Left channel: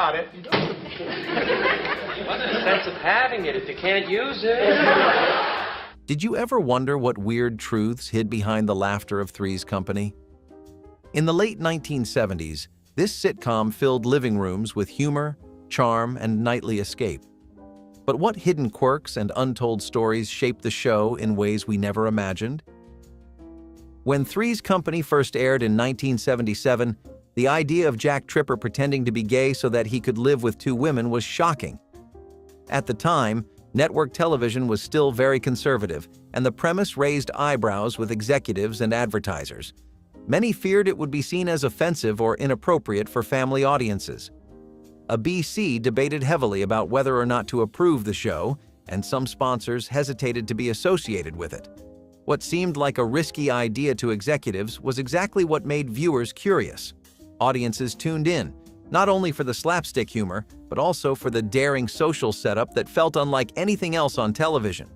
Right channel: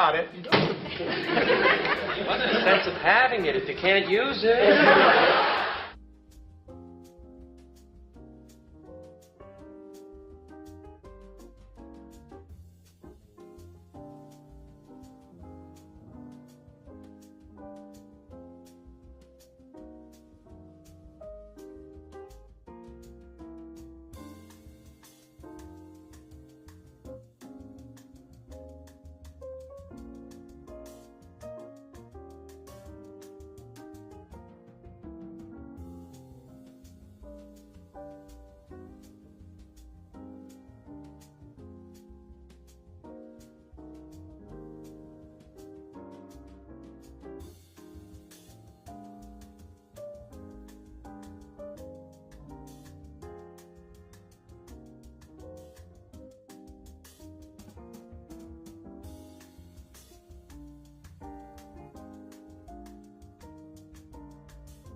got it. What's the sense of having it if you can't use it? Did you ever wonder what weird truths hid behind the laughter of Three's Company? In the late 1970s, this sitcom filled living rooms with humor, charm, and nightly escape. But what hidden quirks and untold stories shaped the show in ways we never imagined? When Three's Company first aired in 1977, the idea of Jack Tripper pretending to be gay so that he could live with two women was shocking. At the time, network television was still very conservative, and the premise raised eyebrows with executives and advertisers. Many feared it would be seen as offensive or inappropriate for family audiences. ABC debated heavily about whether or not to approve the show, and some sponsors hesitated to be associated with it. What seemed like a risky idea to executives was exactly what made viewers curious. Audiences tuned in, not only for the slapstick humor, but also for the daring social setup that felt unlike anything else on television.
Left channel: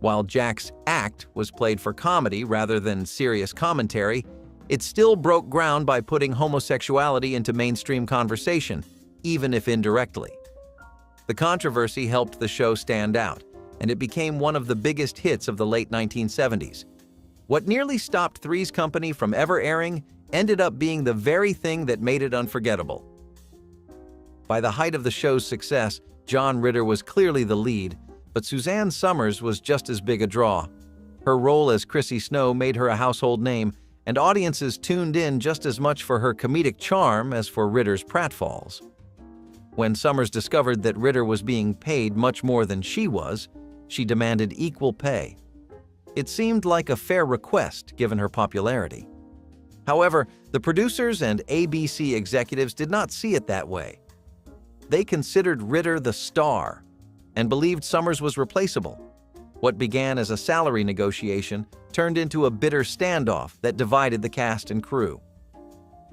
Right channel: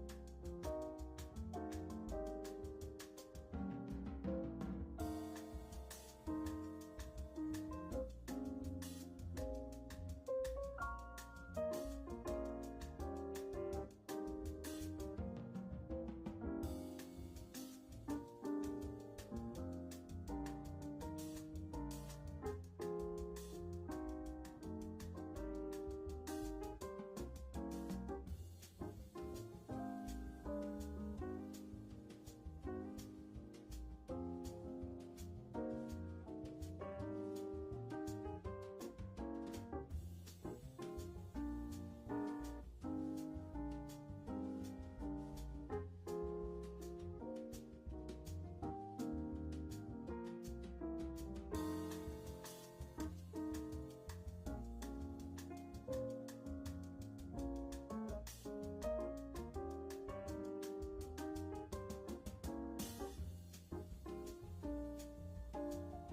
While Jack's act was played for comedy rather than serious commentary, it still broke ground by putting homosexuality into mainstream conversation, even if indirectly. The controversy helped the show stand out, and it became one of the biggest hits of the late 1970s. What nearly stopped Three's Company from ever airing ended up being the very thing that made it unforgettable. By the height of the show's success, John Ritter was clearly the lead, but Suzanne Summers was just as big a draw. Her role as Chrissy Snow made her a household name, and audiences tuned in just as much for her comedic charm as for Ritter's pratfalls. When Summers discovered that Ritter was being paid much more than she was, she demanded equal pay. It seemed like a fair request given her popularity. However, the producers and ABC executives did not see it that way. They considered Ritter the star and believed Summers was replaceable. What began as a salary negotiation turned into a bitter standoff that divided the cast and crew.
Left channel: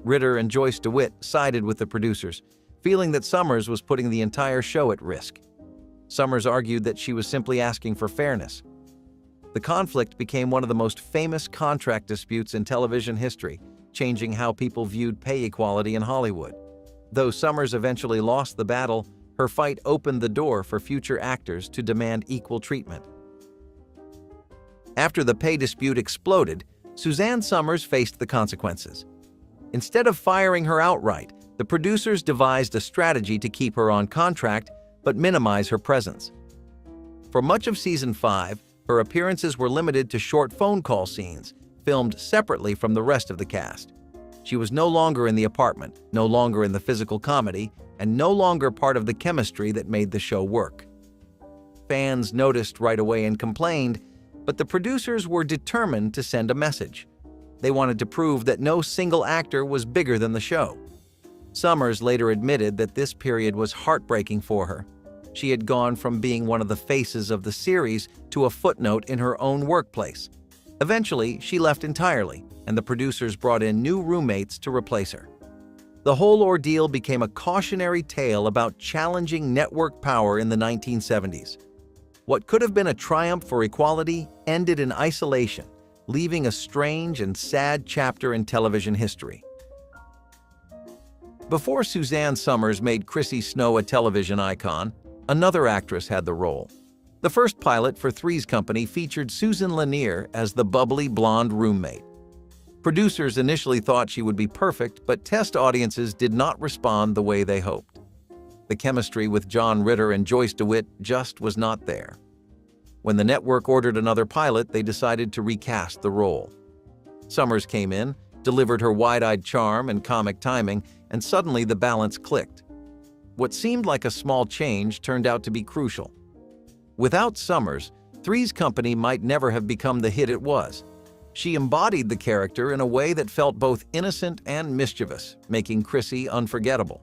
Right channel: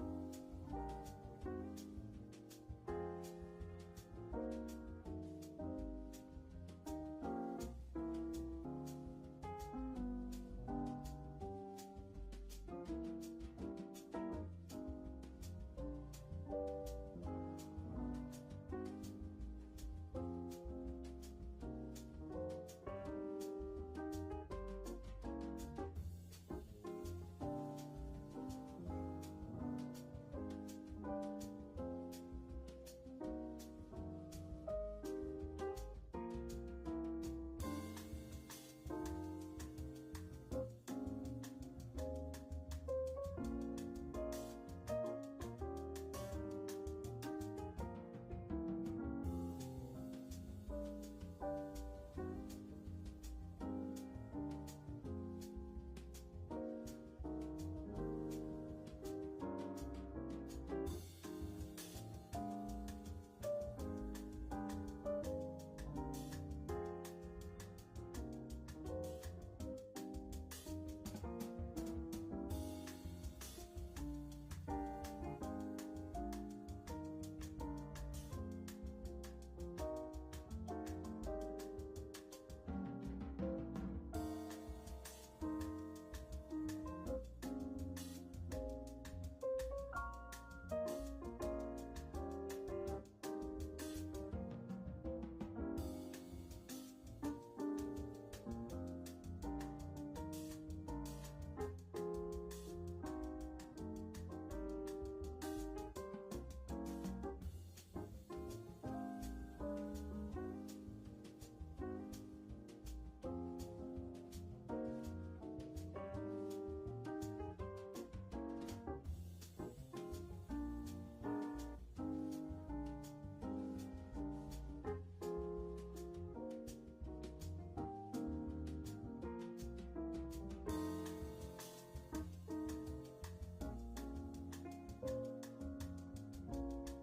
Ritter and Joyce DeWitt sided with the producers, feeling that Summers was putting the entire show at risk. Summers argued that she was simply asking for fairness. The conflict became one of the most famous contract disputes in television history, changing how people viewed pay equality in Hollywood. Though Summers eventually lost the battle, her fight opened the door for future actors to demand equal treatment. After the pay dispute exploded, Suzanne Summers faced the consequences. Instead of firing her outright, the producers devised a strategy to keep her on contract but minimize her presence. For much of season 5, her appearances were limited to short phone call scenes, filmed separately from the rest of the cast. She was no longer in the apartment, no longer in the physical comedy, and no longer part of the chemistry that made the show work. Fans noticed right away and complained, but the producers were determined to send a message. They wanted to prove that no single actor was bigger than the show. Summers later admitted that this period was heartbreaking for her. She had gone from being one of the faces of the series to a footnote in her own workplace. Eventually, she left entirely, and the producers brought in new roommates to replace her. The whole ordeal became a cautionary tale about challenging network power in the 1970s. What could have been a triumph for equality ended in isolation, leaving a strange and sad chapter in television history. Before Suzanne Summers made Chrissy Snow a television icon, another actress had the role. The first pilot for Three's Company featured Susan Lanier as the bubbly blonde roommate. Producers initially thought she would be perfect, but test audiences did not respond the way they hoped. The chemistry with John Ritter and Joyce DeWitt just was not there. When the network ordered another pilot, they decided to recast the role. Summers came in, delivered her wide-eyed charm and comic timing, and suddenly the balance clicked. What seemed like a small change turned out to be crucial. Without Summers, Three's Company might never have become the hit it was. She embodied the character in a way that felt both innocent and mischievous, making Chrissy unforgettable.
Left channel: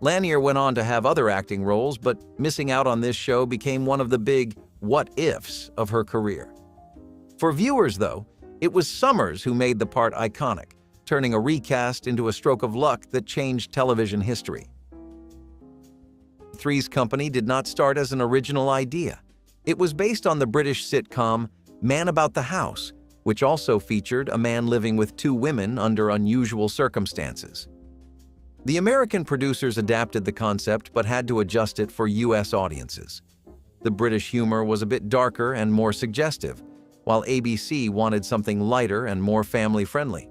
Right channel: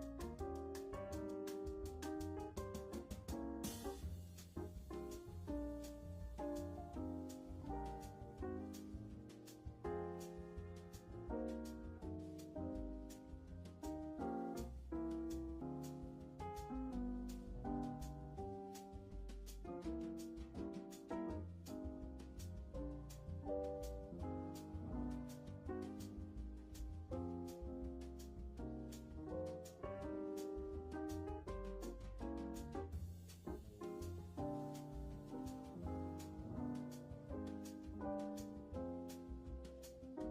Lanier went on to have other acting roles, but missing out on this show became one of the big what-ifs of her career. For viewers, though, it was Summers who made the part iconic, turning a recast into a stroke of luck that changed television history. Three's Company did not start as an original idea. It was based on the British sitcom Man About the House, which also featured a man living with two women under unusual circumstances. The American producers adapted the concept but had to adjust it for US audiences. The British humor was a bit darker and more suggestive, while ABC wanted something lighter and more family-friendly.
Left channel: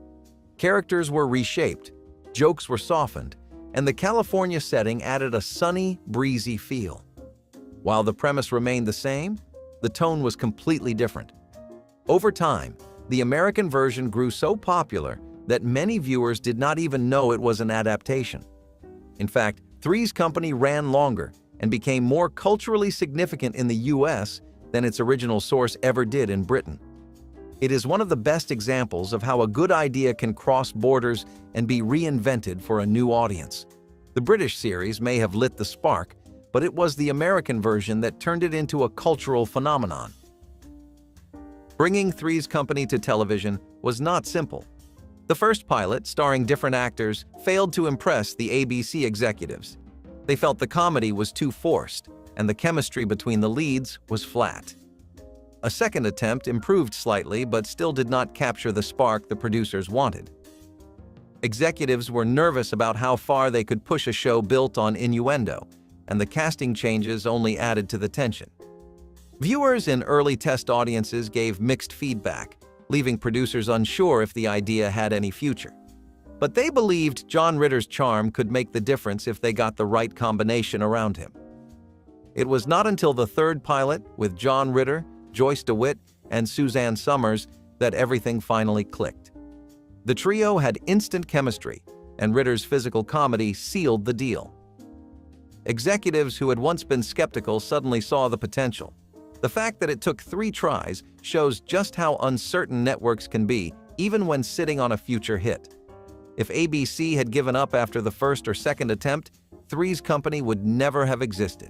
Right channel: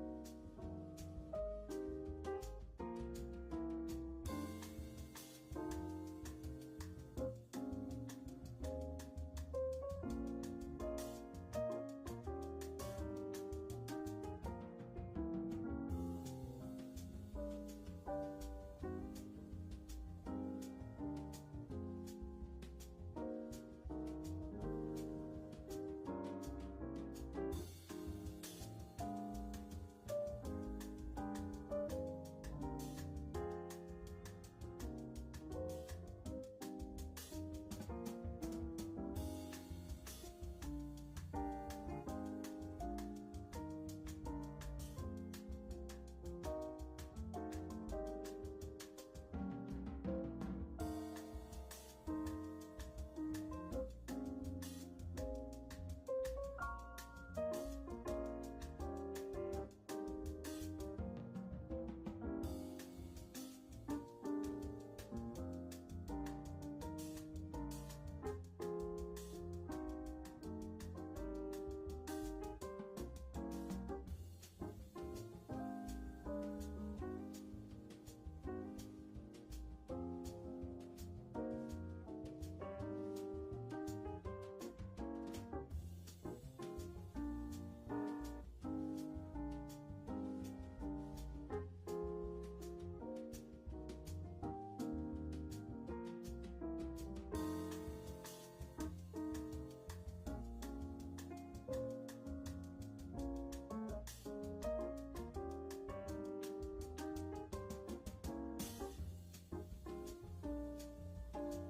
Characters were reshaped, jokes were softened, and the California setting added a sunny, breezy feel. While the premise remained the same, the tone was completely different. Over time, the American version grew so popular that many viewers did not even know it was an adaptation. In fact, Three's Company ran longer and became more culturally significant in the US than its original source ever did in Britain. It is one of the best examples of how a good idea can cross borders and be reinvented for a new audience. The British series may have lit the spark, but it was the American version that turned it into a cultural phenomenon. Bringing Three's Company to television was not simple. The first pilot, starring different actors, failed to impress the ABC executives. They felt the comedy was too forced, and the chemistry between the leads was flat. A second attempt improved slightly, but still did not capture the spark the producers wanted. Executives were nervous about how far they could push a show built on innuendo, and the casting changes only added to the tension. Viewers in early test audiences gave mixed feedback, leaving producers unsure if the idea had any future. But they believed John Ritter's charm could make the difference if they got the right combination around him. It was not until the third pilot, with John Ritter, Joyce DeWitt, and Suzanne Somers, that everything finally clicked. The trio had instant chemistry, and Ritter's physical comedy sealed the deal. Executives who had once been skeptical suddenly saw the potential. The fact that it took 3 tries shows just how uncertain networks can be, even when sitting on a future hit. If ABC had given up after the first or second attempt, Three's Company would never have existed.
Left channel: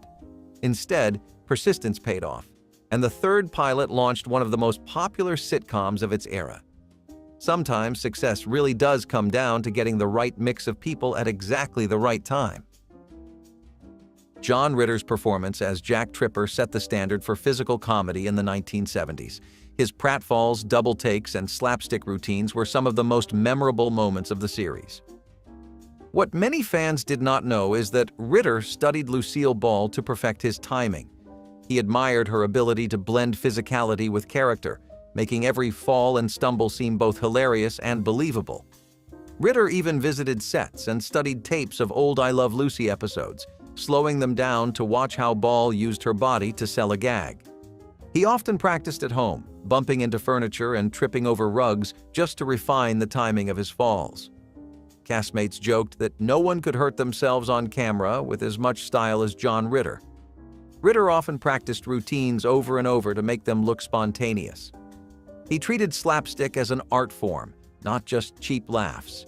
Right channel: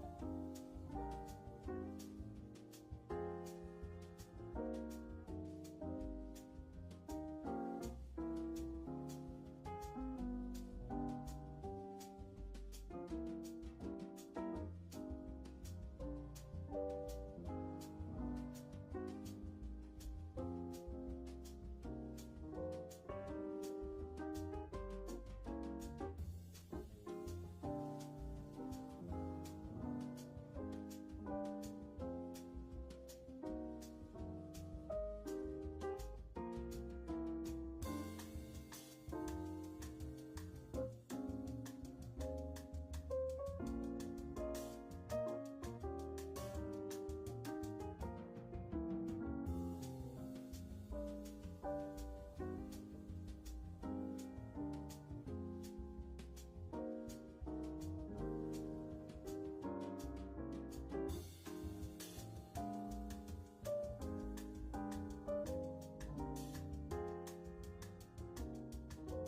Instead, persistence paid off, and the third pilot launched one of the most popular sitcoms of its era. Sometimes success really does come down to getting the right mix of people at exactly the right time. John Ritter's performance as Jack Tripper set the standard for physical comedy in the 1970s. His pratfalls, double takes, and slapstick routines were some of the most memorable moments of the series. What many fans did not know is that Ritter studied Lucille Ball to perfect his timing. He admired her ability to blend physicality with character, making every fall and stumble seem both hilarious and believable. Ritter even visited sets and studied tapes of old I Love Lucy episodes, slowing them down to watch how Ball used her body to sell a gag. He often practiced at home, bumping into furniture and tripping over rugs just to refine the timing of his falls. Castmates joked that no one could hurt themselves on camera with as much style as John Ritter. Ritter often practiced routines over and over to make them look spontaneous. He treated slapstick as an art form, not just cheap laughs.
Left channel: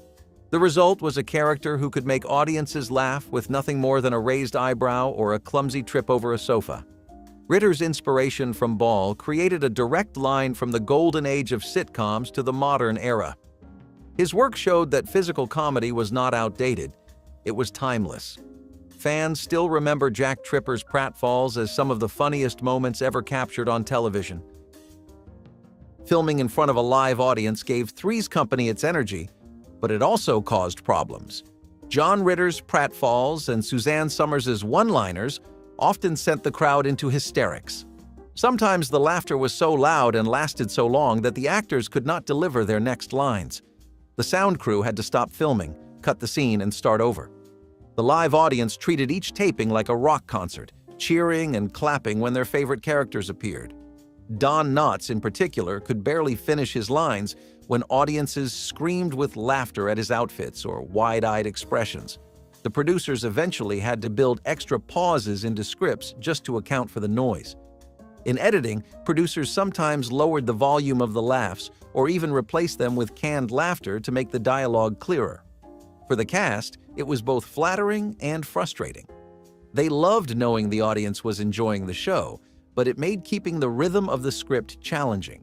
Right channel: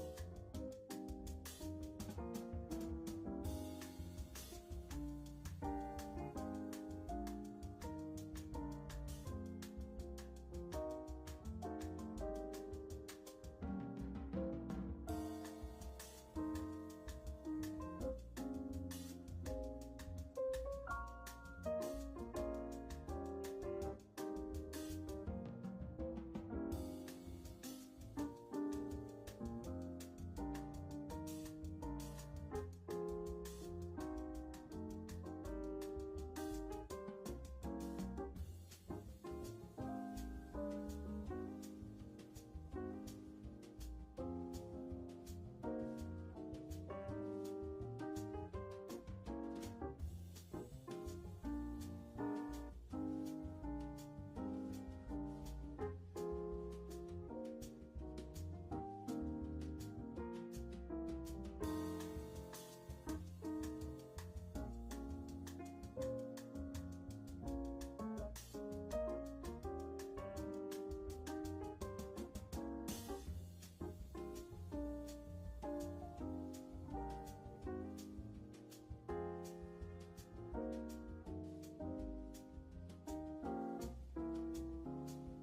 The result was a character who could make audiences laugh with nothing more than a raised eyebrow or a clumsy trip over a sofa. Ritter's inspiration from Ball created a direct line from the golden age of sitcoms to the modern era. His work showed that physical comedy was not outdated, it was timeless. Fans still remember Jack Tripper's pratfalls as some of the funniest moments ever captured on television. Filming in front of a live audience gave Three's Company its energy, but it also caused problems. John Ritter's pratfalls and Suzanne Somers' one-liners often sent the crowd into hysterics. Sometimes the laughter was so loud and lasted so long that the actors could not deliver their next lines. The sound crew had to stop filming, cut the scene, and start over. The live audience treated each taping like a rock concert, cheering and clapping when their favorite characters appeared. Don Knotts, in particular, could barely finish his lines when audiences screamed with laughter at his outfits or wide-eyed expressions. The producers eventually had to build extra pauses into scripts just to account for the noise. In editing, producers sometimes lowered the volume of the laughs or even replaced them with canned laughter to make the dialogue clearer. For the cast, it was both flattering and frustrating. They loved knowing the audience was enjoying the show, but it made keeping the rhythm of the script challenging.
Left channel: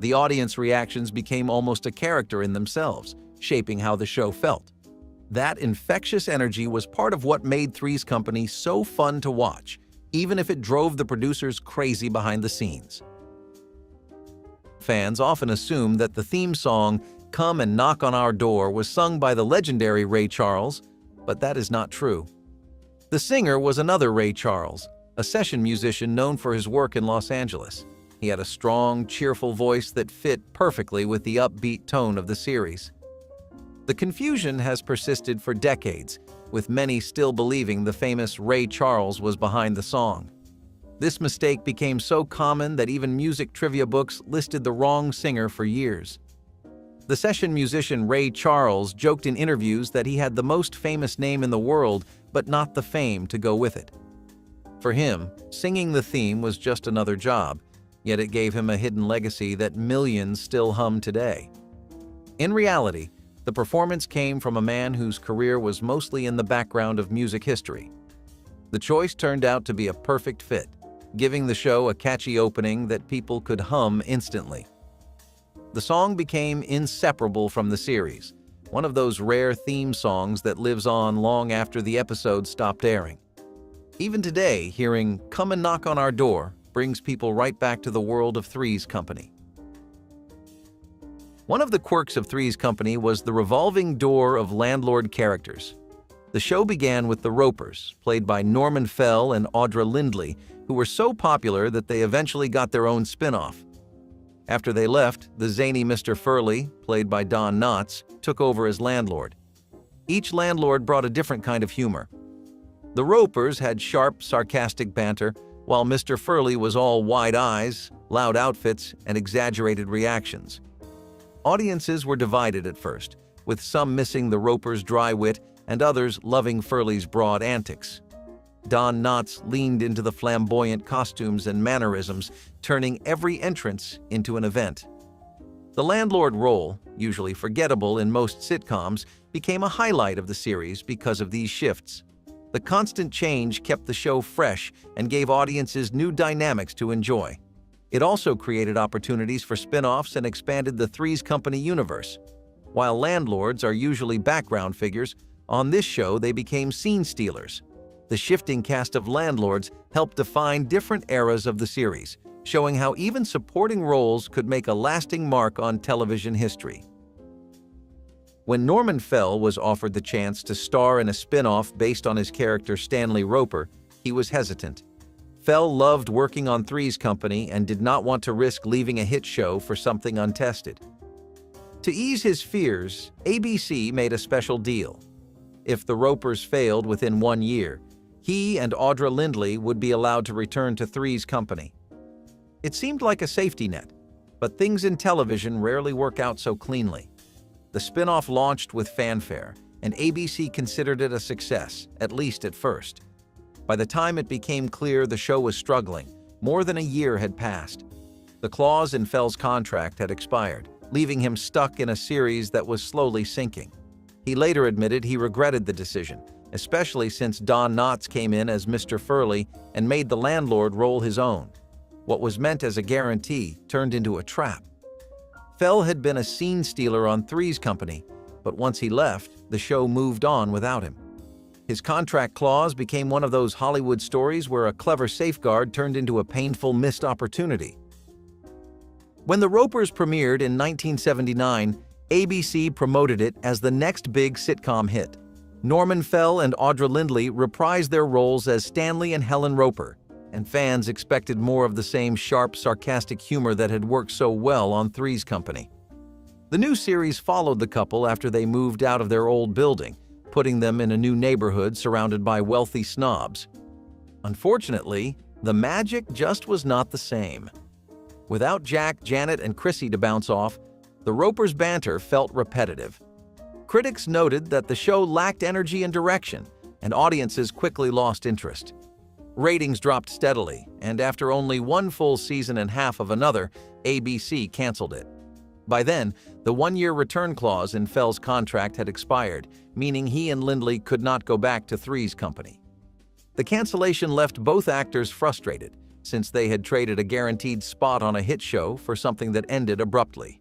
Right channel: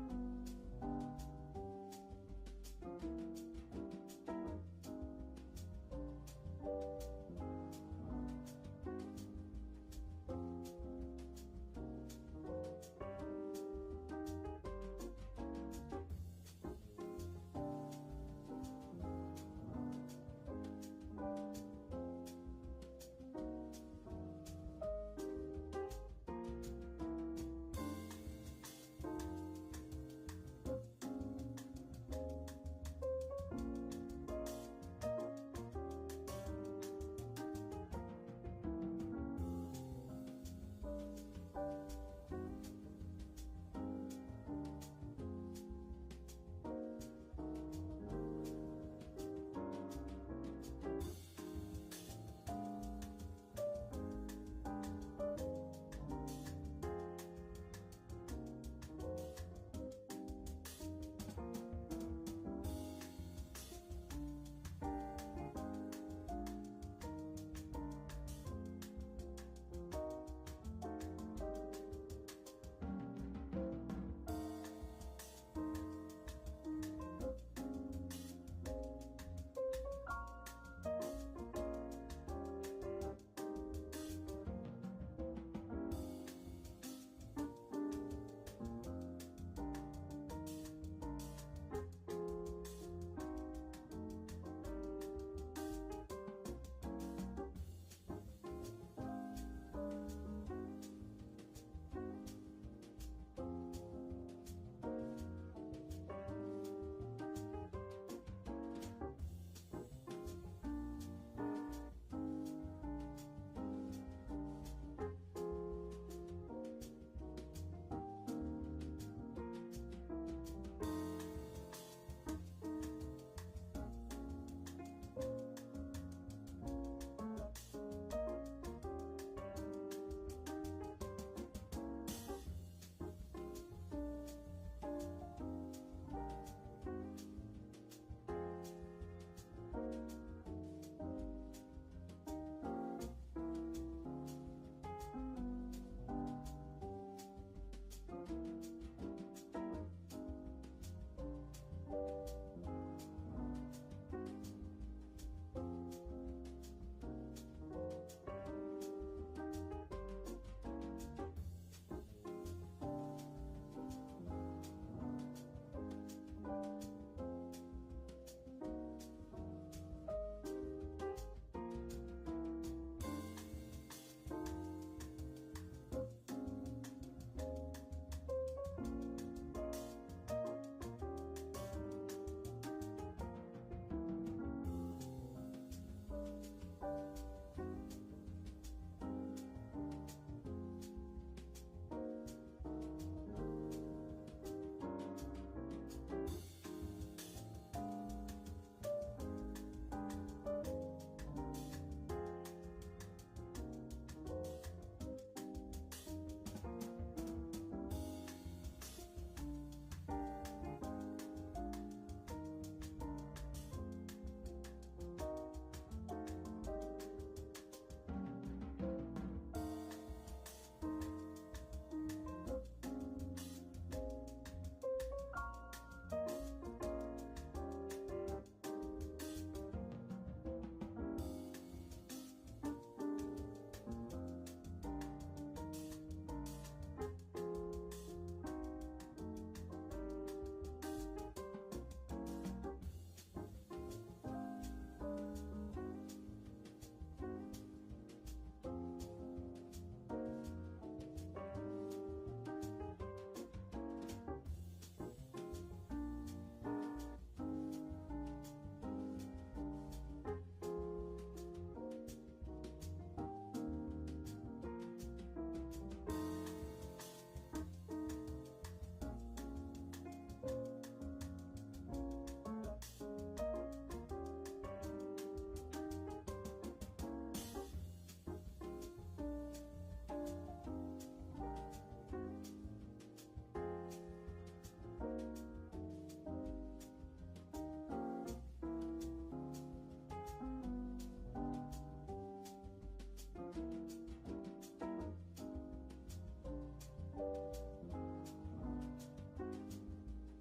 The audience reactions became almost a character in themselves, shaping how the show felt. That infectious energy was part of what made Three's Company so fun to watch, even if it drove the producers crazy behind the scenes. Fans often assume that the theme song, "Come and Knock on Our Door," was sung by the legendary Ray Charles, but that is not true. The singer was another Ray Charles, a session musician known for his work in Los Angeles. He had a strong, cheerful voice that fit perfectly with the upbeat tone of the series. The confusion has persisted for decades, with many still believing the famous Ray Charles was behind the song. This mistake became so common that even music trivia books listed the wrong singer for years. The session musician Ray Charles joked in interviews that he had the most famous name in the world, but not the fame to go with it. For him, singing the theme was just another job, yet it gave him a hidden legacy that millions still hum today. In reality, the performance came from a man whose career was mostly in the background of music history. The choice turned out to be a perfect fit, giving the show a catchy opening that people could hum instantly. The song became inseparable from the series, one of those rare theme songs that lives on long after the episode stopped airing. Even today, hearing "Come and Knock on Our Door" brings people right back to the world of Three's Company. One of the quirks of Three's Company was the revolving door of landlord characters. The show began with the Ropers, played by Norman Fell and Audra Lindley, who were so popular that they eventually got their own spin-off. After they left, the zany Mr. Furley, played by Don Knotts, took over as landlord. Each landlord brought a different kind of humor. The Ropers had sharp, sarcastic banter, while Mr. Furley was all wide eyes, loud outfits, and exaggerated reactions. Audiences were divided at first, with some missing the Ropers' dry wit and others loving Furley's broad antics. Don Knotts leaned into the flamboyant costumes and mannerisms, turning every entrance into an event. The landlord role, usually forgettable in most sitcoms, became a highlight of the series because of these shifts. The constant change kept the show fresh and gave audiences new dynamics to enjoy. It also created opportunities for spin-offs and expanded the Three's Company universe. While landlords are usually background figures, on this show they became scene stealers. The shifting cast of landlords helped define different eras of the series, showing how even supporting roles could make a lasting mark on television history. When Norman Fell was offered the chance to star in a spin-off based on his character Stanley Roper, he was hesitant. Fell loved working on Three's Company and did not want to risk leaving a hit show for something untested. To ease his fears, ABC made a special deal. If the Ropers failed within 1 year, he and Audra Lindley would be allowed to return to Three's Company. It seemed like a safety net, but things in television rarely work out so cleanly. The spin-off launched with fanfare, and ABC considered it a success, at least at first. By the time it became clear the show was struggling, more than a year had passed. The clause in Fell's contract had expired, leaving him stuck in a series that was slowly sinking. He later admitted he regretted the decision, especially since Don Knotts came in as Mr. Furley and made the landlord role his own. What was meant as a guarantee turned into a trap. Fell had been a scene stealer on Three's Company, but once he left, the show moved on without him. His contract clause became one of those Hollywood stories where a clever safeguard turned into a painful missed opportunity. When The Ropers premiered in 1979, ABC promoted it as the next big sitcom hit. Norman Fell and Audra Lindley reprised their roles as Stanley and Helen Roper, and fans expected more of the same sharp, sarcastic humor that had worked so well on Three's Company. The new series followed the couple after they moved out of their old building, putting them in a new neighborhood surrounded by wealthy snobs. Unfortunately, the magic just was not the same. Without Jack, Janet, and Chrissy to bounce off, the Ropers' banter felt repetitive. Critics noted that the show lacked energy and direction, and audiences quickly lost interest. Ratings dropped steadily, and after only one full season and half of another, ABC canceled it. By then, the one-year return clause in Fell's contract had expired, meaning he and Lindley could not go back to Three's Company. The cancellation left both actors frustrated, since they had traded a guaranteed spot on a hit show for something that ended abruptly.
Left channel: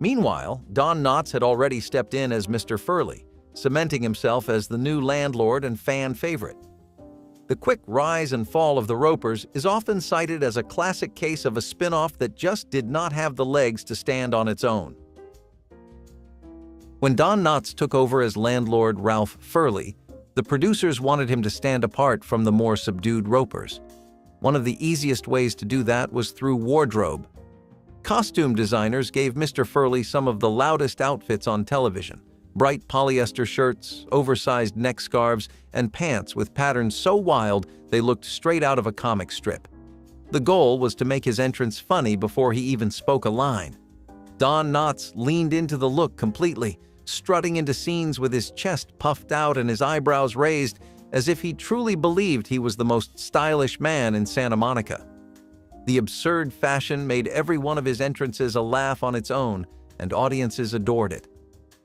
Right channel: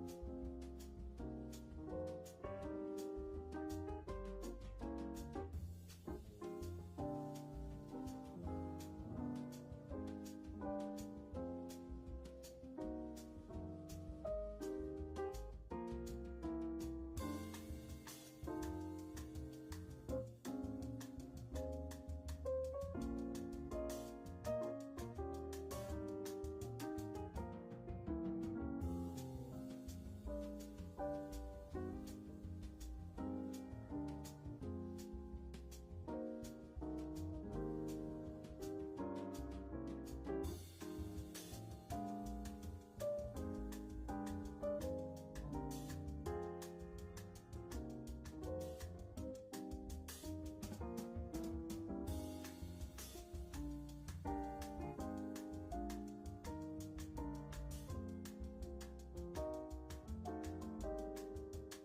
Meanwhile, Don Knotts had already stepped in as Mr. Furley, cementing himself as the new landlord and fan favorite. The quick rise and fall of the Ropers is often cited as a classic case of a spin-off that just did not have the legs to stand on its own. When Don Knotts took over as landlord Ralph Furley, The producers wanted him to stand apart from the more subdued Ropers. One of the easiest ways to do that was through wardrobe. Costume designers gave Mr. Furley some of the loudest outfits on television: bright polyester shirts, oversized neck scarves, and pants with patterns so wild they looked straight out of a comic strip. The goal was to make his entrance funny before he even spoke a line. Don Knotts leaned into the look completely, strutting into scenes with his chest puffed out and his eyebrows raised, as if he truly believed he was the most stylish man in Santa Monica. The absurd fashion made every one of his entrances a laugh on its own, and audiences adored it.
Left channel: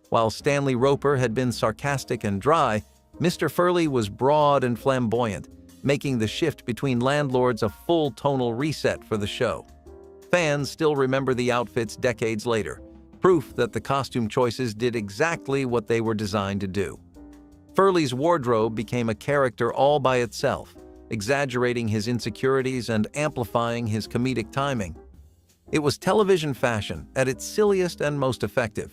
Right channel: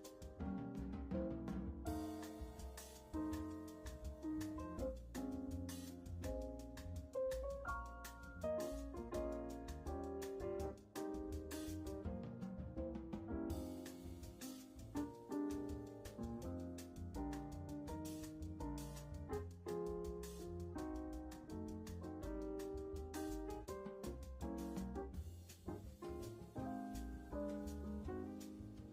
While Stanley Roper had been sarcastic and dry, Mr. Furley was broad and flamboyant, making the shift between landlords a full tonal reset for the show. Fans still remember the outfits decades later, proof that the costume choices did exactly what they were designed to do. Furley's wardrobe became a character all by itself, exaggerating his insecurities and amplifying his comedic timing. It was television fashion at its silliest and most effective.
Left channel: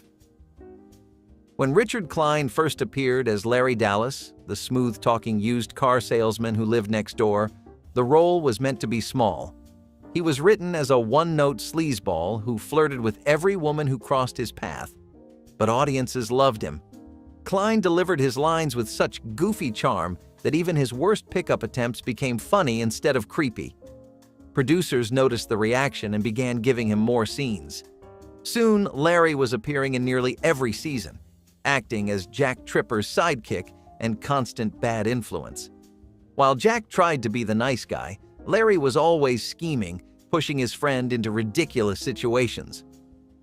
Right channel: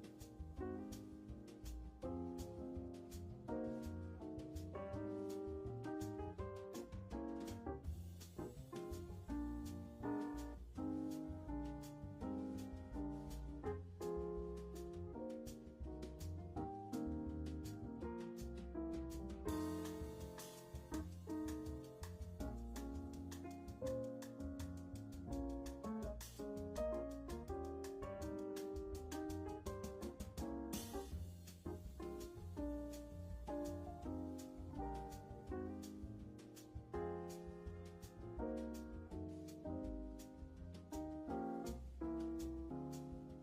When Richard Klein first appeared as Larry Dallas, the smooth-talking used car salesman who lived next door, the role was meant to be small. He was written as a one-note sleazeball who flirted with every woman who crossed his path. But audiences loved him. Klein delivered his lines with such goofy charm that even his worst pickup attempts became funny instead of creepy. Producers noticed the reaction and began giving him more scenes. Soon, Larry was appearing in nearly every season, acting as Jack Tripper's sidekick and constant bad influence. While Jack tried to be the nice guy, Larry was always scheming, pushing his friend into ridiculous situations.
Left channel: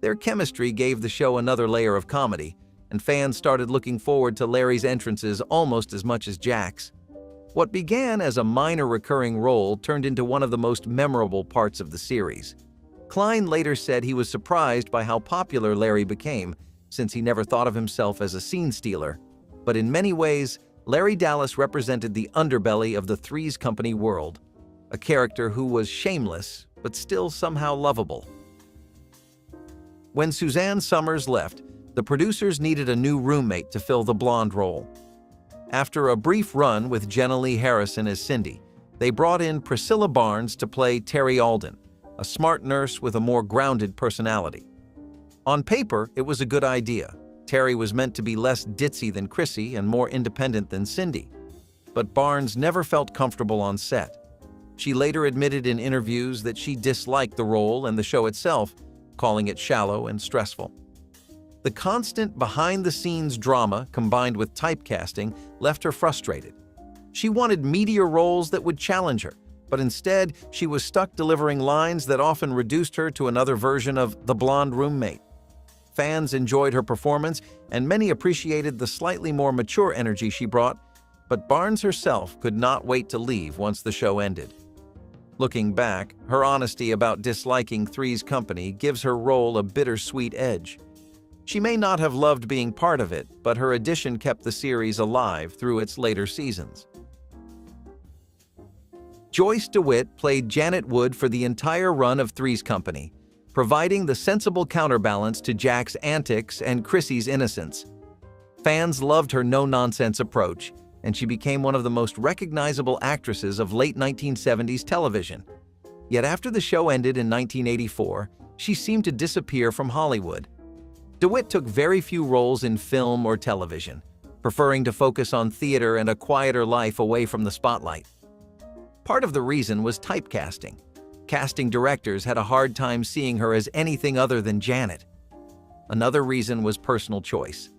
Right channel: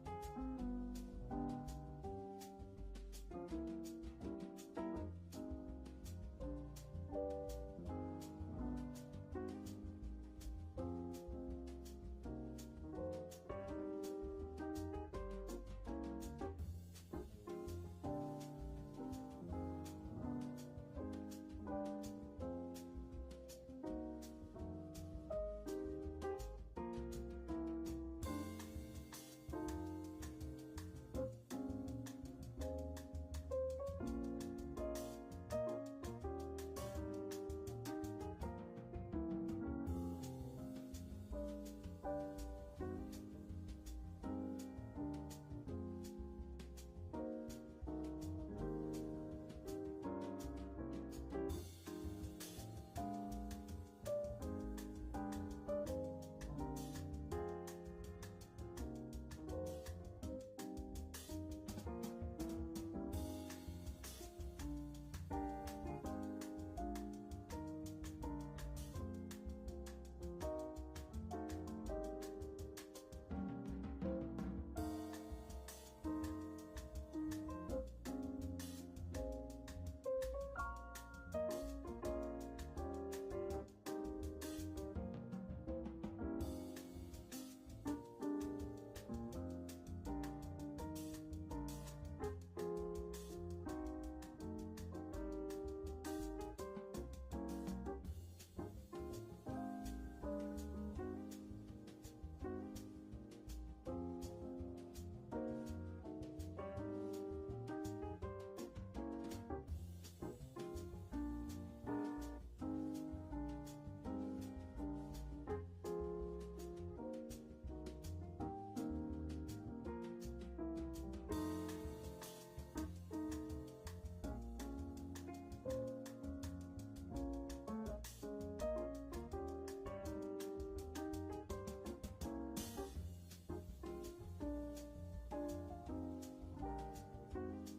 Their chemistry gave the show another layer of comedy, and fans started looking forward to Larry's entrances almost as much as Jack's. What began as a minor recurring role turned into one of the most memorable parts of the series. Klein later said he was surprised by how popular Larry became, since he never thought of himself as a scene stealer. But in many ways, Larry Dallas represented the underbelly of the Three's Company world, a character who was shameless but still somehow lovable. When Suzanne Summers left, the producers needed a new roommate to fill the blonde role. After a brief run with Jenna Lee Harrison as Cindy, they brought in Priscilla Barnes to play Terry Alden, a smart nurse with a more grounded personality. On paper, it was a good idea. Terry was meant to be less ditzy than Chrissy and more independent than Cindy. But Barnes never felt comfortable on set. She later admitted in interviews that she disliked the role and the show itself, calling it shallow and stressful. The constant behind-the-scenes drama combined with typecasting left her frustrated. She wanted meatier roles that would challenge her, but instead she was stuck delivering lines that often reduced her to another version of the blonde roommate. Fans enjoyed her performance, and many appreciated the slightly more mature energy she brought, but Barnes herself could not wait to leave once the show ended. Looking back, her honesty about disliking Three's Company gives her role a bittersweet edge. She may not have loved being part of it, but her addition kept the series alive through its later seasons. Joyce DeWitt played Janet Wood for the entire run of Three's Company, providing the sensible counterbalance to Jack's antics and Chrissy's innocence. Fans loved her no-nonsense approach, and she became one of the most recognizable actresses of late 1970s television. Yet after the show ended in 1984, she seemed to disappear from Hollywood. DeWitt took very few roles in film or television, preferring to focus on theater and a quieter life away from the spotlight. Part of the reason was typecasting. Casting directors had a hard time seeing her as anything other than Janet. Another reason was personal choice.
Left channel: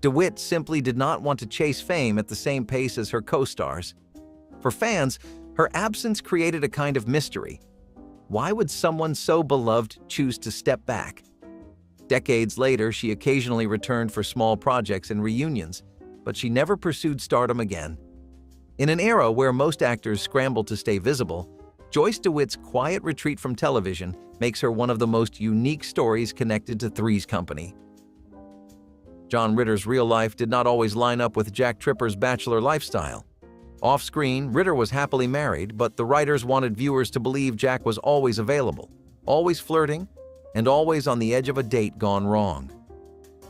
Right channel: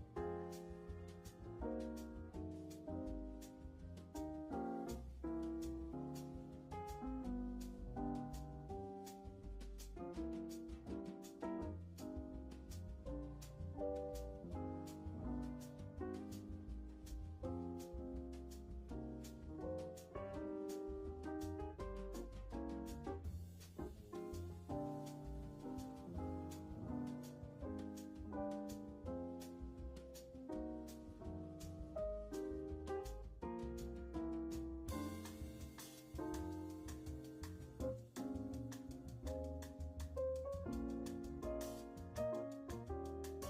DeWitt simply did not want to chase fame at the same pace as her co-stars. For fans, her absence created a kind of mystery. Why would someone so beloved choose to step back? Decades later, she occasionally returned for small projects and reunions, but she never pursued stardom again. In an era where most actors scrambled to stay visible, Joyce DeWitt's quiet retreat from television makes her one of the most unique stories connected to Three's Company. John Ritter's real life did not always line up with Jack Tripper's bachelor lifestyle. Off-screen, Ritter was happily married, but the writers wanted viewers to believe Jack was always available, always flirting, and always on the edge of a date gone wrong.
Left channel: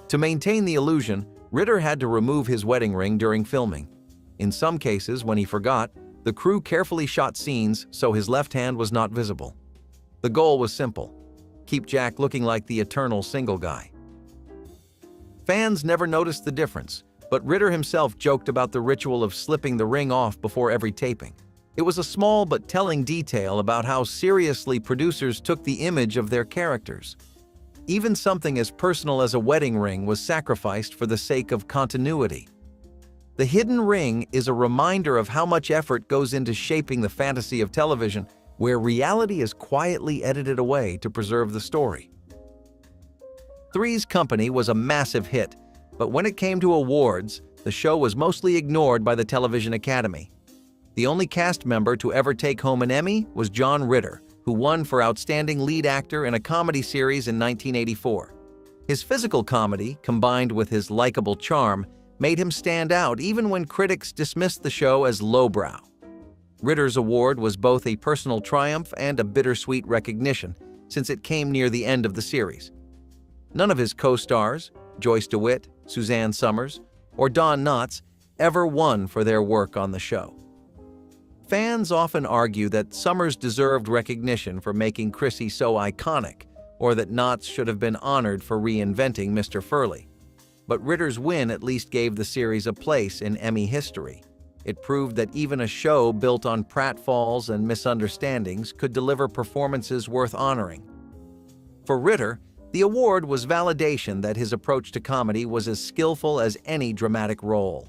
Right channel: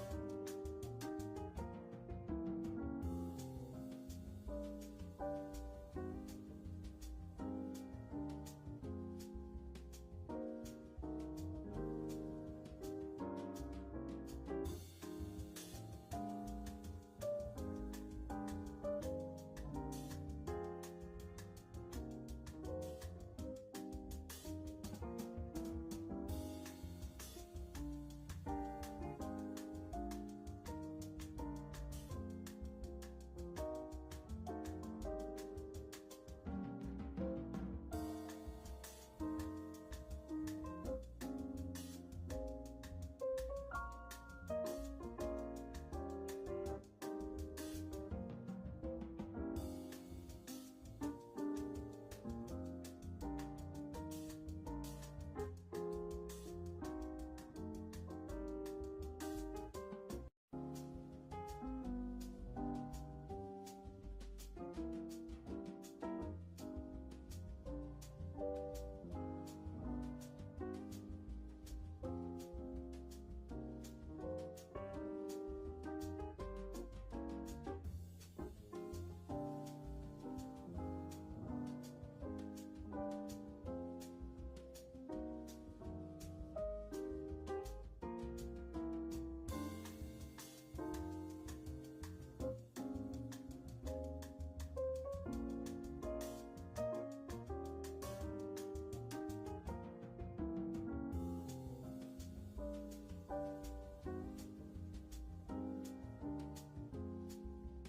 To maintain the illusion, Ritter had to remove his wedding ring during filming. In some cases, when he forgot, the crew carefully shot scenes so his left hand was not visible. The goal was simple: keep Jack looking like the eternal single guy. Fans never noticed the difference, but Ritter himself joked about the ritual of slipping the ring off before every taping. It was a small but telling detail about how seriously producers took the image of their characters. Even something as personal as a wedding ring was sacrificed for the sake of continuity. The hidden ring is a reminder of how much effort goes into shaping the fantasy of television, where reality is quietly edited away to preserve the story. Three's Company was a massive hit, but when it came to awards, the show was mostly ignored by the Television Academy. The only cast member to ever take home an Emmy was John Ritter, who won for Outstanding Lead Actor in a Comedy Series in 1984. His physical comedy, combined with his likable charm, made him stand out even when critics dismissed the show as lowbrow. Ritter's award was both a personal triumph and a bittersweet recognition, since it came near the end of the series. None of his co-stars, Joyce DeWitt, Suzanne Summers, or Don Knotts, ever won for their work on the show. Fans often argue that Summers deserved recognition for making Chrissy so iconic, or that Knotts should have been honored for reinventing Mr. Furley. But Ritter's win at least gave the series a place in Emmy history. It proved that even a show built on pratfalls and misunderstandings could deliver performances worth honoring. For Ritter, the award was validation that his approach to comedy was as skillful as any dramatic role.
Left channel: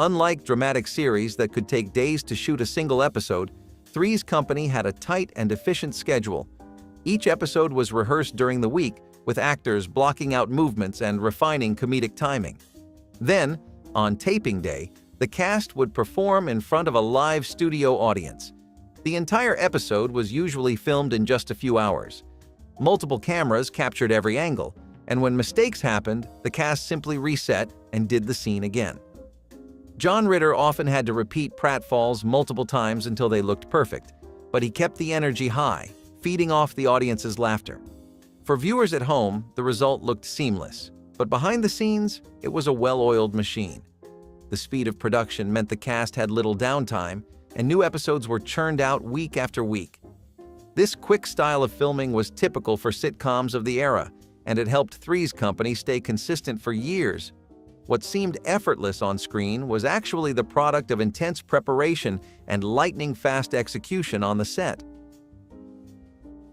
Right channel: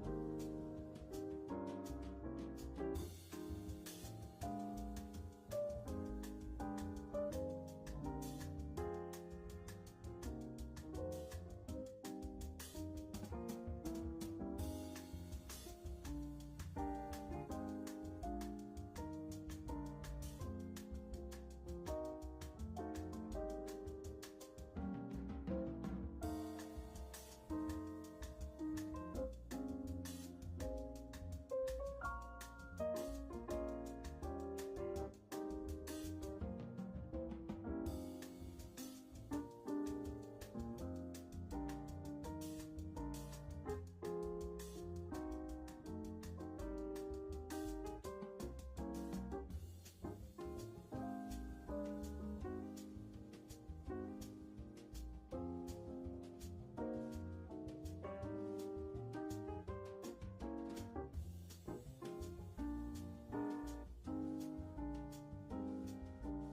Unlike dramatic series that could take days to shoot a single episode, Three's Company had a tight and efficient schedule. Each episode was rehearsed during the week, with actors blocking out movements and refining comedic timing. Then, on taping day, the cast would perform in front of a live studio audience. The entire episode was usually filmed in just a few hours. Multiple cameras captured every angle, and when mistakes happened, the cast simply reset and did the scene again. John Ritter often had to repeat pratfalls multiple times until they looked perfect, but he kept the energy high, feeding off the audience's laughter. For viewers at home, the result looked seamless, but behind the scenes, it was a well-oiled machine. The speed of production meant the cast had little downtime, and new episodes were churned out week after week. This quick style of filming was typical for sitcoms of the era, and it helped Three's Company stay consistent for years. What seemed effortless on screen was actually the product of intense preparation and lightning-fast execution on the set.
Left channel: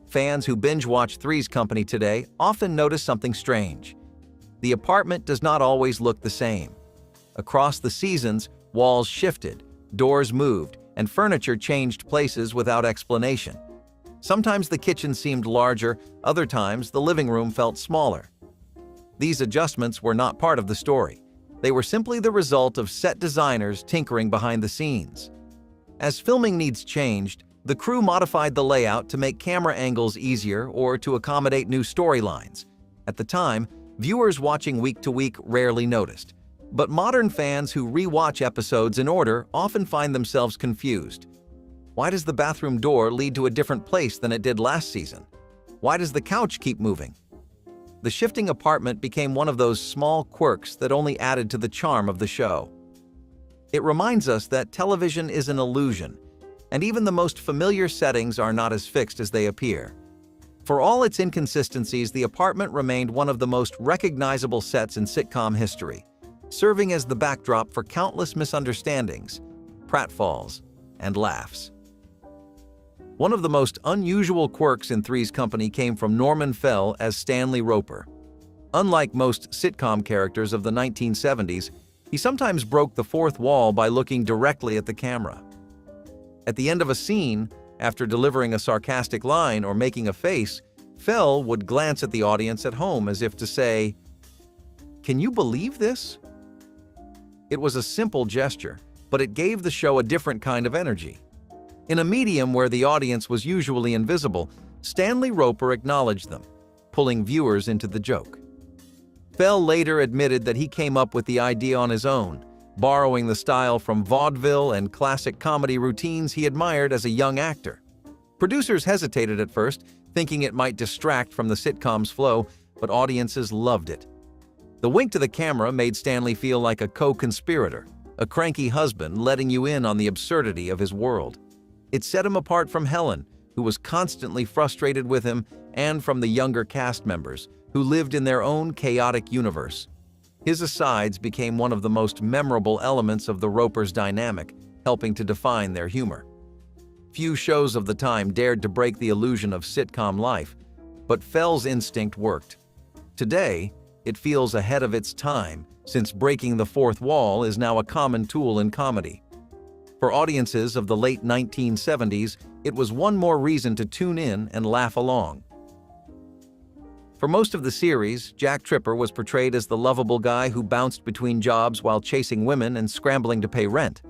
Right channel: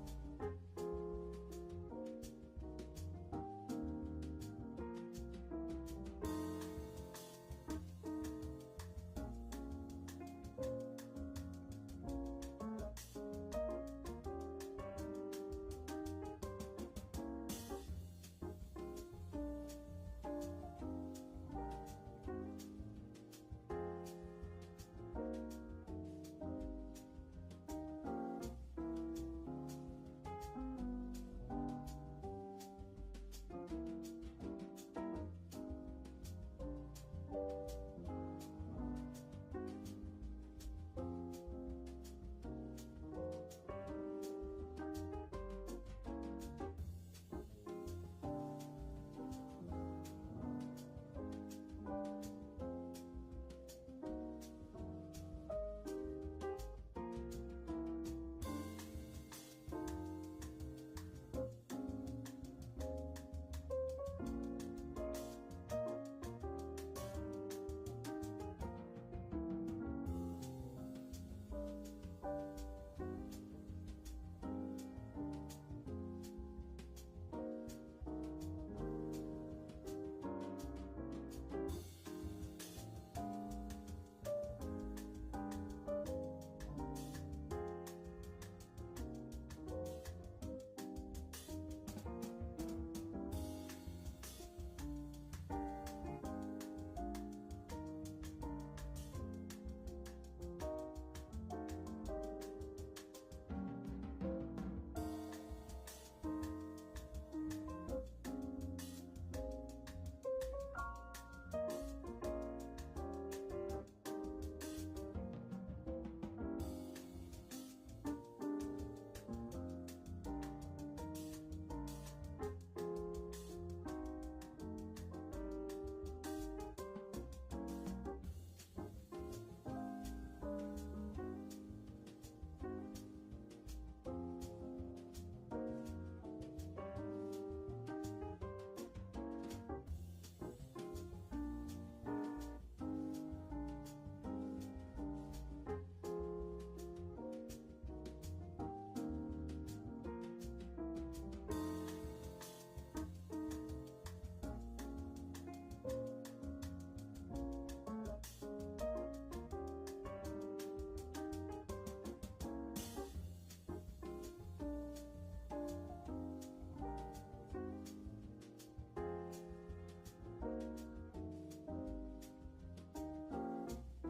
Fans who binge-watch Three's Company today often notice something strange. The apartment does not always look the same. Across the seasons, walls shifted, doors moved, and furniture changed places without explanation. Sometimes the kitchen seemed larger, other times the living room felt smaller. These adjustments were not part of the story. They were simply the result of set designers tinkering behind the scenes. As filming needs changed, the crew modified the layout to make camera angles easier or to accommodate new storylines. At the time, viewers watching week to week rarely noticed. But modern fans who re-watch episodes in order often find themselves confused. Why does the bathroom door lead to a different place than it did last season? Why does the couch keep moving? The shifting apartment became one of those small quirks that only added to the charm of the show. It reminds us that television is an illusion, and even the most familiar settings are not as fixed as they appear. For all its inconsistencies, the apartment remained one of the most recognizable sets in sitcom history, serving as the backdrop for countless misunderstandings, pratfalls, and laughs. One of the most unusual quirks in Three's Company came from Norman Fell as Stanley Roper. Unlike most sitcom characters of the 1970s, he sometimes broke the fourth wall by looking directly at the camera. At the end of a scene, after delivering a sarcastic line or making a face, Fell would glance at the audience at home as if to say, "Can you believe this?" It was a simple gesture, but it gave the show a different kind of energy. In a medium where the audience was usually invisible, Stanley Roper acknowledged them, pulling viewers into the joke. Fell later admitted that he came up with the idea on his own, borrowing the style from vaudeville and classic comedy routines he admired as a young actor. Producers hesitated at first, thinking it might distract from the sitcom's flow, but audiences loved it. The wink to the camera made Stanley feel like a co-conspirator, a cranky husband letting you in on the absurdity of his world. It set him apart from Helen, who was constantly frustrated with him, and from the younger cast members, who lived in their own chaotic universe. His asides became one of the most memorable elements of the Ropers' dynamic, helping to define their humor. Few shows of the time dared to break the illusion of sitcom life, but Fell's instinct worked. Today, it feels ahead of its time, since breaking the fourth wall is now a common tool in comedy. For audiences of the late 1970s, it was one more reason to tune in and laugh along. For most of the series, Jack Tripper was portrayed as the lovable guy who bounced between jobs while chasing women and scrambling to pay rent.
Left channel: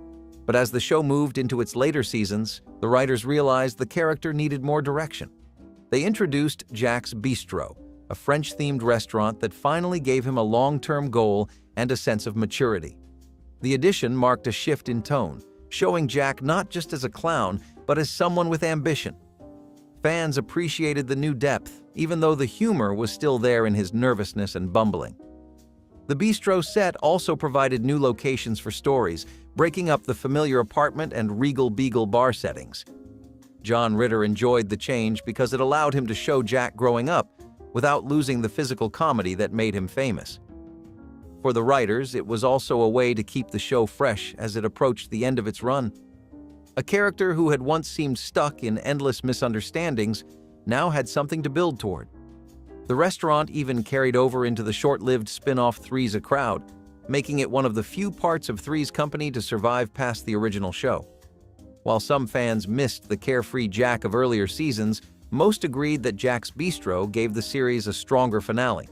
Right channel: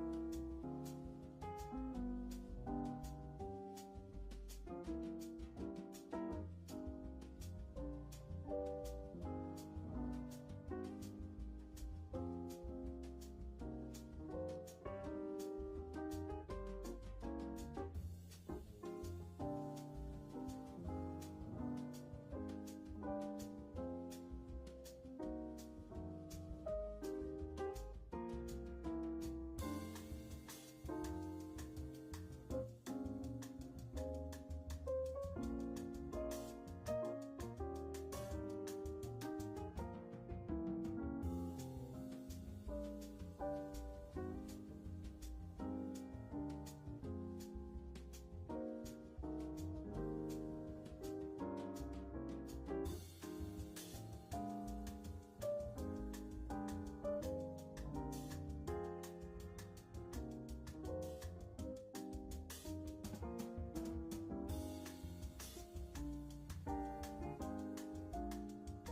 But as the show moved into its later seasons, the writers realized the character needed more direction. They introduced Jack's Bistro, a French-themed restaurant that finally gave him a long-term goal and a sense of maturity. The addition marked a shift in tone, showing Jack not just as a clown, but as someone with ambition. Fans appreciated the new depth, even though the humor was still there in his nervousness and bumbling. The bistro set also provided new locations for stories, breaking up the familiar apartment and Regal Beagle bar settings. John Ritter enjoyed the change because it allowed him to show Jack growing up without losing the physical comedy that made him famous. For the writers, it was also a way to keep the show fresh as it approached the end of its run. A character who had once seemed stuck in endless misunderstandings now had something to build toward. The restaurant even carried over into the short-lived spin-off Three's a Crowd, making it one of the few parts of Three's Company to survive past the original show. While some fans missed the carefree Jack of earlier seasons, most agreed that Jack's Bistro gave the series a stronger finale.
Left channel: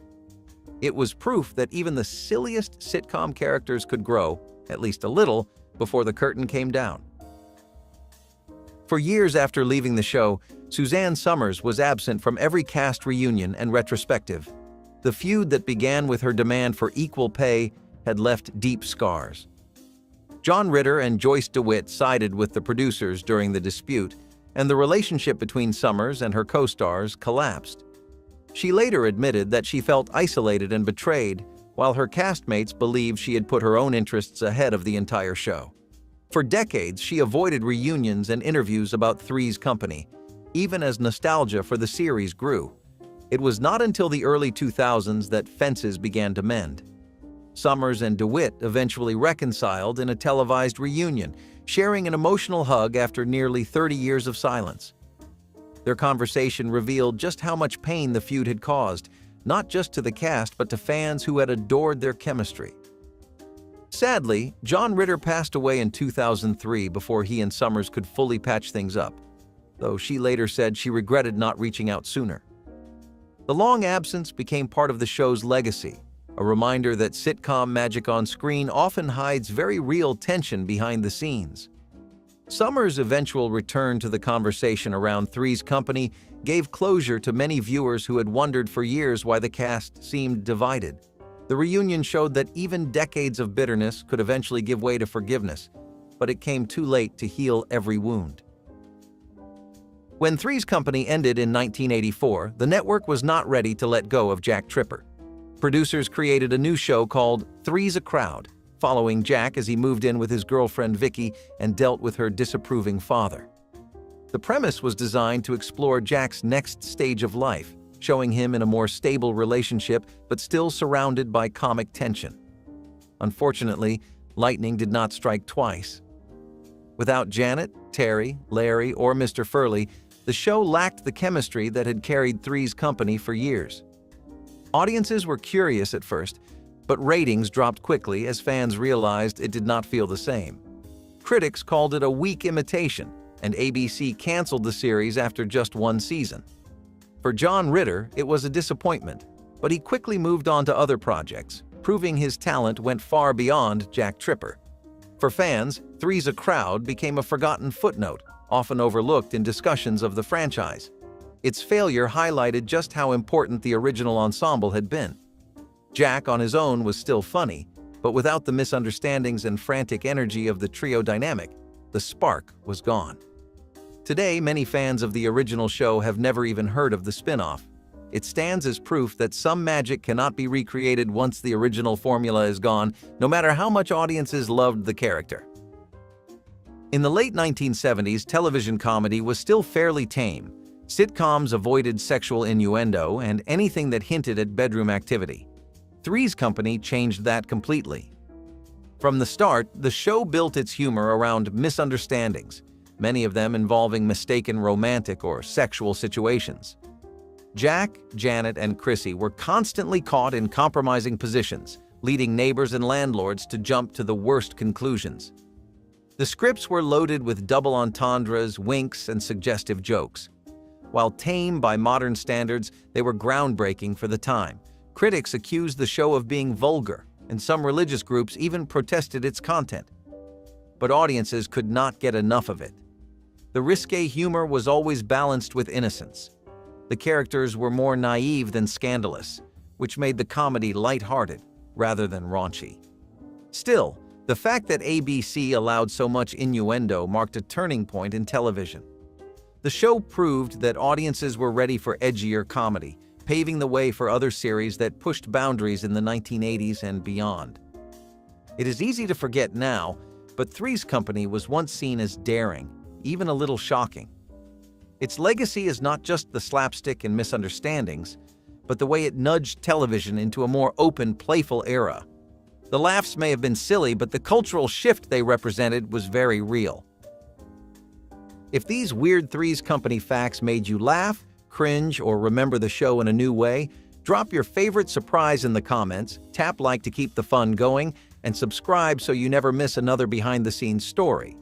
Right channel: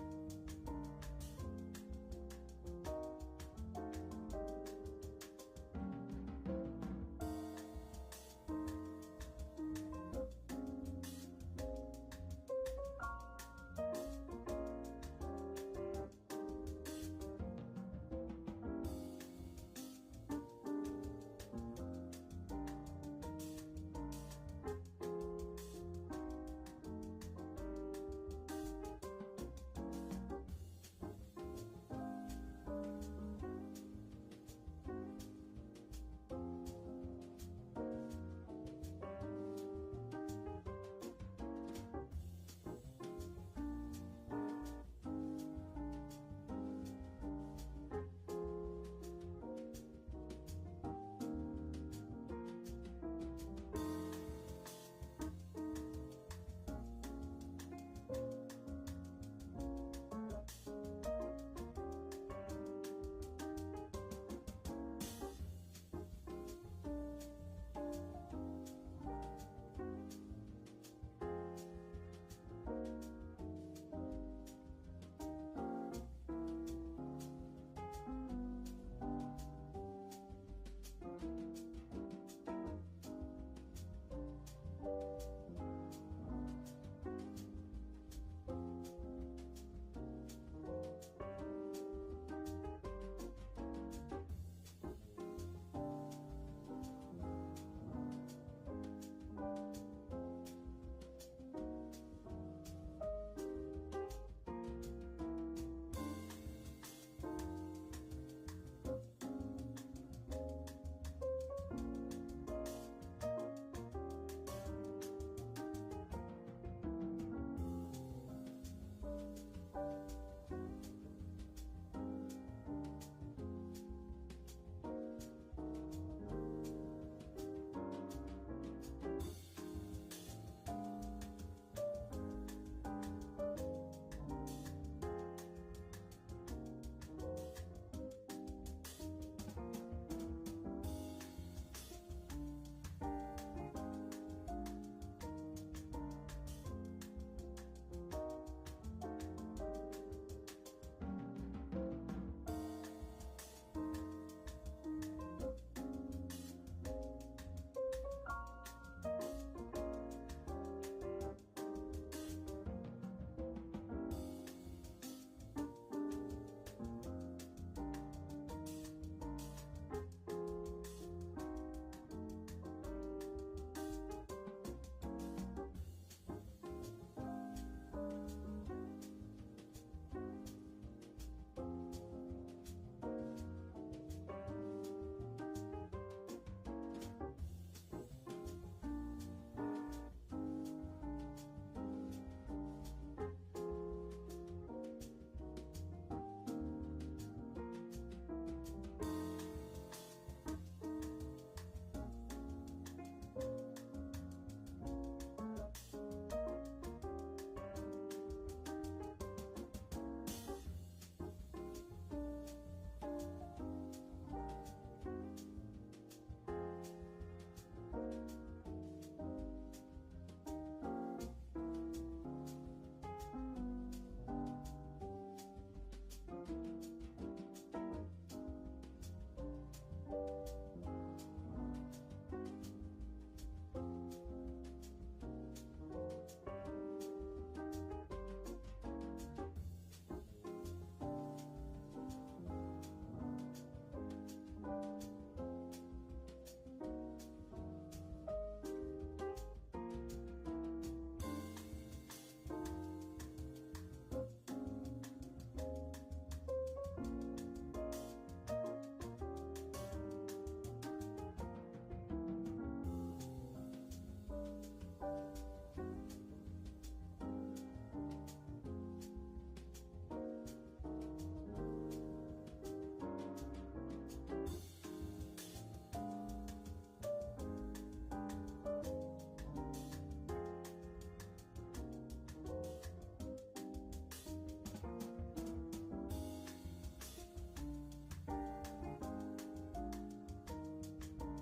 It was proof that even the silliest sitcom characters could grow, at least a little, before the curtain came down. For years after leaving the show, Suzanne Summers was absent from every cast reunion and retrospective. The feud that began with her demand for equal pay had left deep scars. John Ritter and Joyce DeWitt sided with the producers during the dispute, and the relationship between Summers and her co-stars collapsed. She later admitted that she felt isolated and betrayed, while her castmates believed she had put her own interests ahead of the entire show. For decades, she avoided reunions and interviews about Three's Company, even as nostalgia for the series grew. It was not until the early 2000s that fences began to mend. Summers and DeWitt eventually reconciled in a televised reunion, sharing an emotional hug after nearly 30 years of silence. Their conversation revealed just how much pain the feud had caused, not just to the cast but to fans who had adored their chemistry. Sadly, John Ritter passed away in 2003 before he and Summers could fully patch things up, though she later said she regretted not reaching out sooner. The long absence became part of the show's legacy, a reminder that sitcom magic on screen often hides very real tension behind the scenes. Summers' eventual return to the conversation around Three's Company gave closure to many viewers who had wondered for years why the cast seemed divided. The reunion showed that even decades of bitterness could eventually give way to forgiveness, but it came too late to heal every wound. When Three's Company ended in 1984, the network was not ready to let go of Jack Tripper. Producers created a new show called Three's a Crowd, following Jack as he moved in with his girlfriend Vicky and dealt with her disapproving father. The premise was designed to explore Jack's next stage of life, showing him in a more stable relationship but still surrounded by comic tension. Unfortunately, lightning did not strike twice. Without Janet, Terry, Larry, or Mr. Furley, the show lacked the chemistry that had carried Three's Company for years. Audiences were curious at first, but ratings dropped quickly as fans realized it did not feel the same. Critics called it a weak imitation, and ABC canceled the series after just one season. For John Ritter, it was a disappointment, but he quickly moved on to other projects, proving his talent went far beyond Jack Tripper. For fans, Three's a Crowd became a forgotten footnote, often overlooked in discussions of the franchise. Its failure highlighted just how important the original ensemble had been. Jack on his own was still funny, but without the misunderstandings and frantic energy of the trio dynamic, the spark was gone. Today, many fans of the original show have never even heard of the spin-off. It stands as proof that some magic cannot be recreated once the original formula is gone, no matter how much audiences loved the character. In the late 1970s, television comedy was still fairly tame. Sitcoms avoided sexual innuendo and anything that hinted at bedroom activity. Three's Company changed that completely. From the start, the show built its humor around misunderstandings, many of them involving mistaken romantic or sexual situations. Jack, Janet, and Chrissy were constantly caught in compromising positions, leading neighbors and landlords to jump to the worst conclusions. The scripts were loaded with double entendres, winks, and suggestive jokes. While tame by modern standards, they were groundbreaking for the time. Critics accused the show of being vulgar, and some religious groups even protested its content. But audiences could not get enough of it. The risque humor was always balanced with innocence. The characters were more naive than scandalous, which made the comedy lighthearted rather than raunchy. Still, the fact that ABC allowed so much innuendo marked a turning point in television. The show proved that audiences were ready for edgier comedy, paving the way for other series that pushed boundaries in the 1980s and beyond. It is easy to forget now, but Three's Company was once seen as daring, even a little shocking. Its legacy is not just the slapstick and misunderstandings, but the way it nudged television into a more open, playful era. The laughs may have been silly, but the cultural shift they represented was very real. If these weird Three's Company facts made you laugh, cringe, or remember the show in a new way, drop your favorite surprise in the comments, tap like to keep the fun going, and subscribe so you never miss another behind-the-scenes story.